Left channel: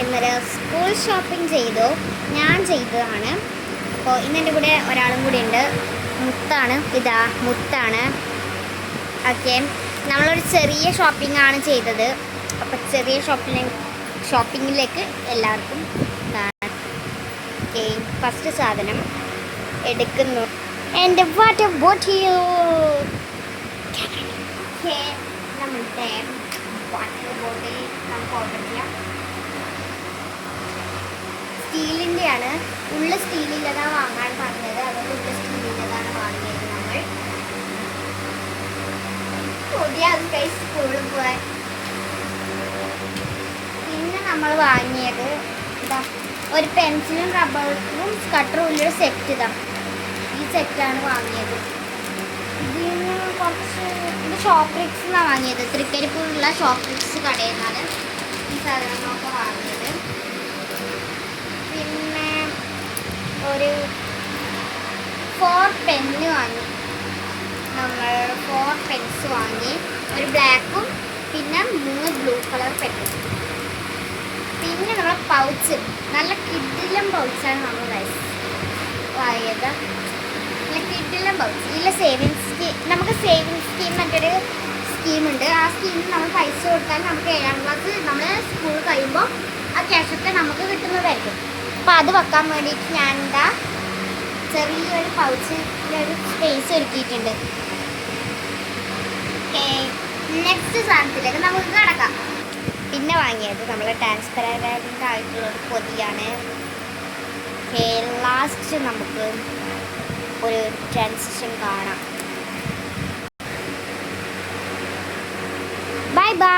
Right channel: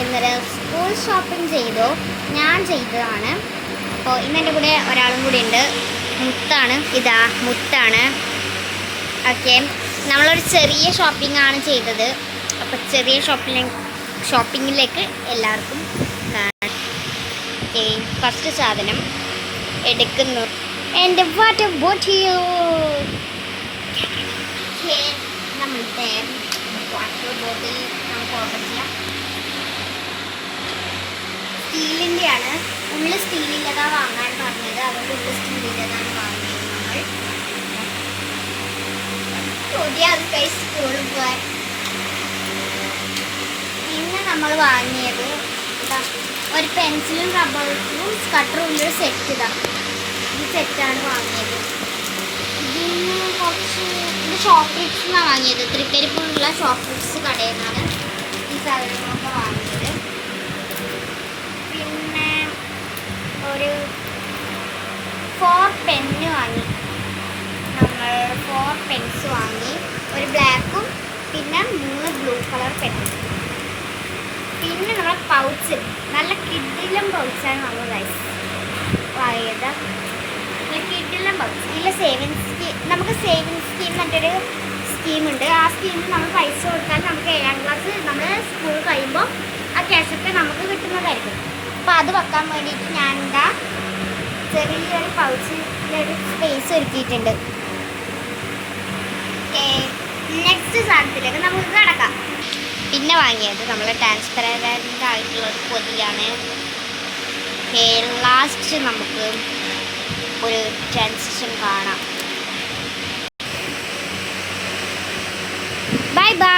ഇന്നലെ school shopping ചെയ്തു. ഞാൻ ചെയ്തതാണ്. അപ്പോൾ ഇന്ന് എൻ്റെ കൂടെ ഒരാളും കൂടി ഉണ്ട്. മുത്താണ്. ഇതാ മുത്താണ്. ഓക്കെ, നമ്മളൊരു ചെറിയ ഷോപ്പിംഗ് ആണ് ചെയ്തത്. അപ്പോൾ ചെറിയ ഷോപ്പിങ്ങിലേക്ക് എല്ലാവർക്കും കാണാം. ഓക്കെ, ഫസ്റ്റ് സാധനം എടുക്കുന്നു. എൻ്റെ വാട്ടർ ബോട്ടിൽ. നമ്മളുടെ വാട്ടർ ബോട്ടിൽ നമുക്ക് ഓപ്പൺ ചെയ്യാം. സ്റ്റീലിൻ്റെയാണ്. ഉള്ളിൽ സ്റ്റീലിൻ്റെതാണ് വാങ്ങാൻ പറഞ്ഞത്. അതുകൊണ്ട് ഉള്ളിൽ സ്റ്റീലിൻ്റെതാണ് വാങ്ങിയത് നമ്മൾ. അത് സ്കൂളിൽ പോകാൻ. പിന്നെ നമ്മൾ വാങ്ങിയത് ഇതാ ഒരു പെൻസിലും റബ്ബറും കട്ടറും ഉള്ളൊരു സെറ്റ്. ഇതാ ഈ സെറ്റാണ് വാങ്ങിയത്. ഇതിന് കുറച്ച് ഇത് ചോക്ലേറ്റ്സിനാണ് വാങ്ങിയത്. തൃക്കരിപ്പൂരുള്ള ചോക്ലേറ്റ്സ് കടയിൽ നിന്നാണ് ഈ സാധനങ്ങളൊക്കെ വാങ്ങിയത്. പിന്നെ ഒരു 4 പെന്ന് വാങ്ങി. നമ്മൾ 4 പെൻസ് വാങ്ങി. ഒരു ബ്ലാക്കും പിന്നെ 3 ബ്ലൂ കളർ പെന്നും. പിന്നെ നമ്മളെ പൗച്ച്, നല്ല കിഡിലും പൗച്ചാണ് നമ്മൾ വാങ്ങിയത്. കിഡിലും പൗച്ച്. ഇതിൽ സേവിങ്സ് സ്കീം, നമുക്ക് സേവിങ്സ് സ്കീം മറ്റൊരു സ്കീമുണ്ട്. ആ സ്കീമിൽ നമ്മൾ പൈസ കൊടുത്താൽ നമുക്ക് 7ാം ക്ലാസ് നമ്മൾ സ്കൂൾ കഴിയുമ്പോൾ ആ ക്യാഷൊക്കെ നമുക്ക് കിട്ടുന്നതായിരിക്കും. അപ്പോൾ അത് വെക്കാൻ വേണ്ടിയിട്ട് ഞാൻ എന്താ ചെറിയൊരു പൗച്ചിലൊരു സ്പേസ് ഒരുക്കിയിട്ടുണ്ട്. നെക്സ്റ്റ് സാധനത്തിലേക്ക് നമുക്ക് കിടക്കാം. പിന്നെ വാങ്ങിയത് നമ്മൾ ട്രാൻസ്പെറൻ്റ് ആയിട്ടുള്ള ഒരു പൊതിയാണ്. ലാസ്റ്റ് നമുക്ക് ഒരു ട്രാൻസിഷൻ കാണാം. Bye bye.